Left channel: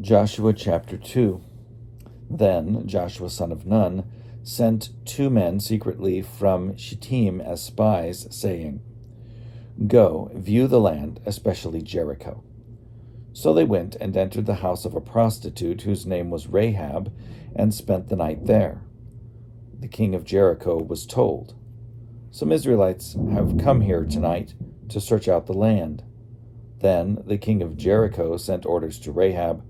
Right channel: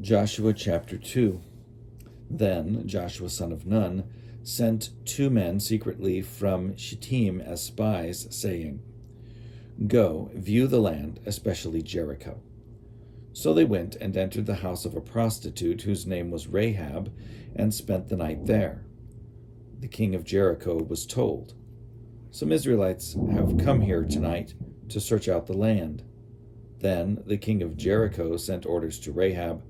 Joshua chapter 2. Then Joshua son of Nun sent 2 men secretly from Shittim as spies, saying, "Go, view the land, especially Jericho." So they went and entered the house of a prostitute whose name was Rahab, and spent the night there. The king of Jericho was told, "Some Israelites have come here tonight to search out the land." Then the king of Jericho sent orders to Rahab,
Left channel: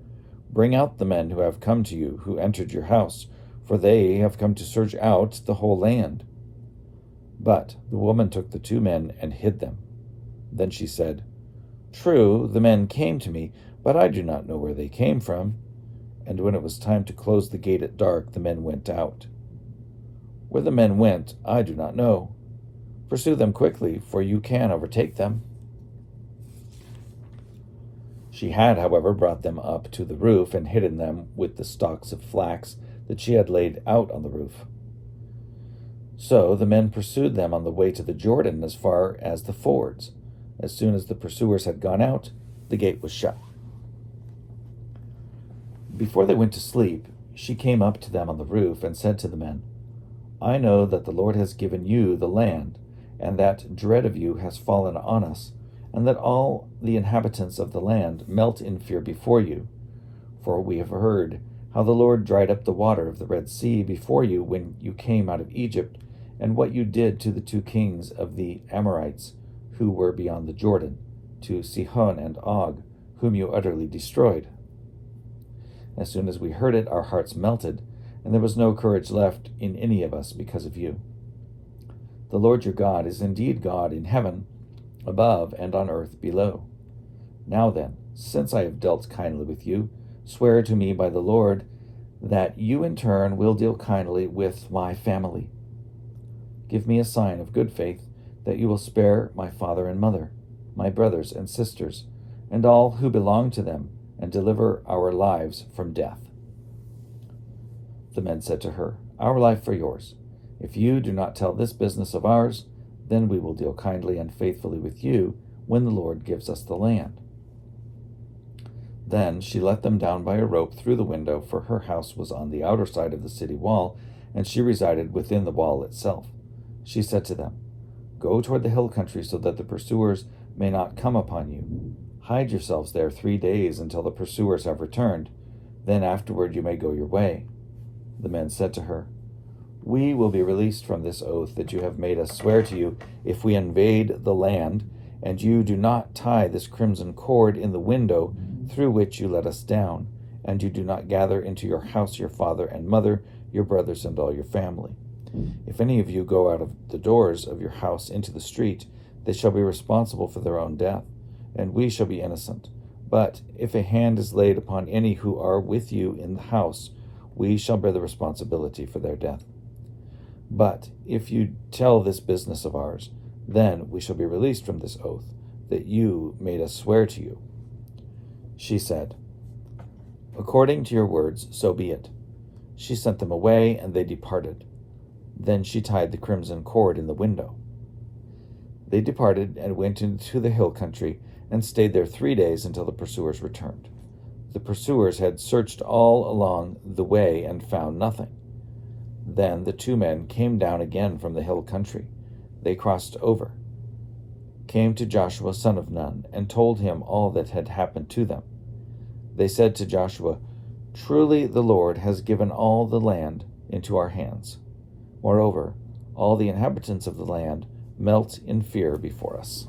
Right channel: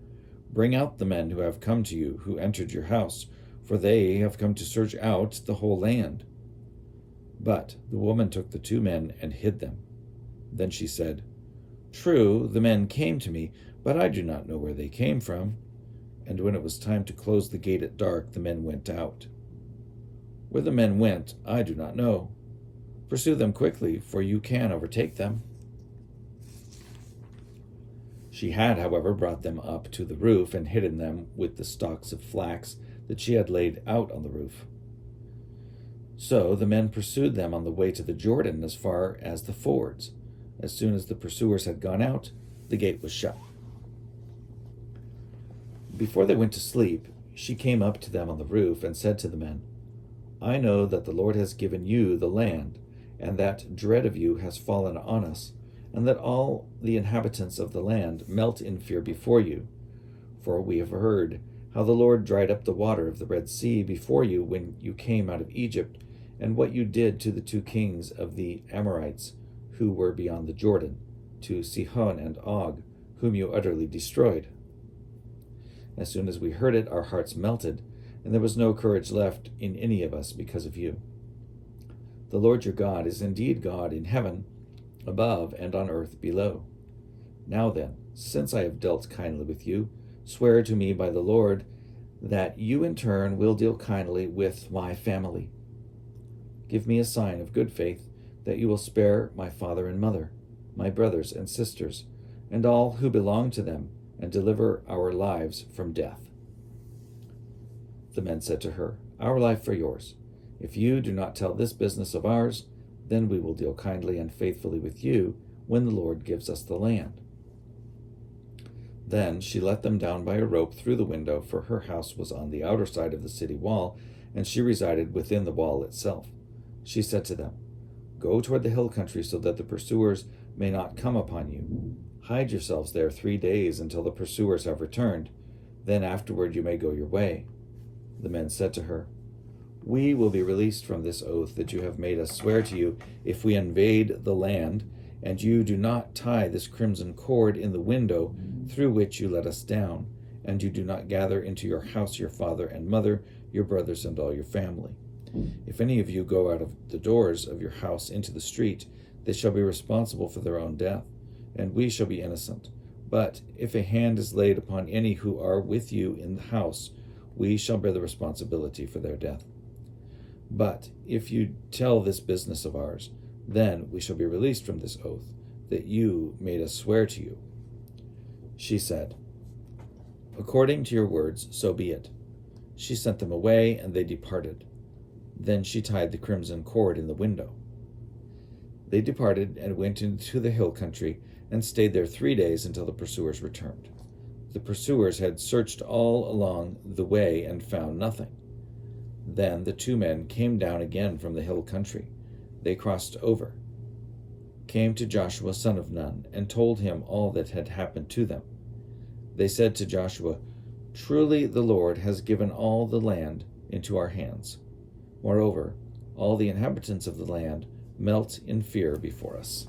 "Bring out the men who have come to you, who entered your house, for they have come to search out the whole land." But the woman took the 2 men and hid them. Then she said, "True, the men came to me, but I do not know where they came from." And when it was time to close the gate at dark, the men went out. Where the men went, I do not know. Pursue them quickly, for you can overtake them. She had, however, brought them up to the roof and hidden them with the stalks of flax that she had laid out on the roof. So the men pursued them on the way to the Jordan as far as the fords. As soon as the pursuers had gone out, the gate was shut. Before they went to sleep, she came up to them on the roof and said to the men, "I know that the Lord has given you the land, and that dread of you has fallen on us, and that all the inhabitants of the land melt in fear before you. For we have heard how the Lord dried up the water of the Red Sea before you when you came out of Egypt, and what you did to the 2 kings of the Amorites who were beyond the Jordan, to Sihon and Og, whom you utterly destroyed. As soon as we heard it, our hearts melted, and there was no courage left in any of us because of you. The Lord your God is indeed God in heaven above and on earth below. Now then, since I have dealt kindly with you, swear to me by the Lord that you in turn will deal kindly with my family. Give me a sign of good faith that you will spare my father and mother, my brothers and sisters, and all who belong to them, and deliver our lives from death." The men said to her, "Our life for yours. If you do not tell this business of ours, then we will deal kindly and faithfully with you when the Lord gives us the land." Then she let them down by a rope through the window, for her house was on the outer side of the city wall, and she resided within the wall itself. She said to them, "Go toward the hill country so that the pursuers may not come upon you. Hide yourselves there 3 days until the pursuers have returned. Then afterward you may go your way." The men said to her, "We will be released from this oath that you have made us swear to you if we invade the land, and you do not tie this crimson cord in the window through which you let us down, and you do not gather into your house your father and mother, your brothers, and all your family. If any of you go out of the doors of your house into the street, they shall be responsible for their own death, and we shall be innocent. But if a hand is laid upon any who are with you in the house, we shall bear the responsibility for their death. But if you tell this business of ours, then we shall be released from this oath that you made us swear to you." She said, "According to your words, so be it." She sent them away, and they departed. Then she tied the crimson cord in the window. They departed and went into the hill country and stayed there 3 days until the pursuers returned. The pursuers had searched all along the way and found nothing. Then the 2 men came down again from the hill country. They crossed over, came to Joshua son of Nun, and told him all that had happened to them. They said to Joshua, "Truly the Lord has given all the land into our hands. Moreover, all the inhabitants of the land melt in fear before us."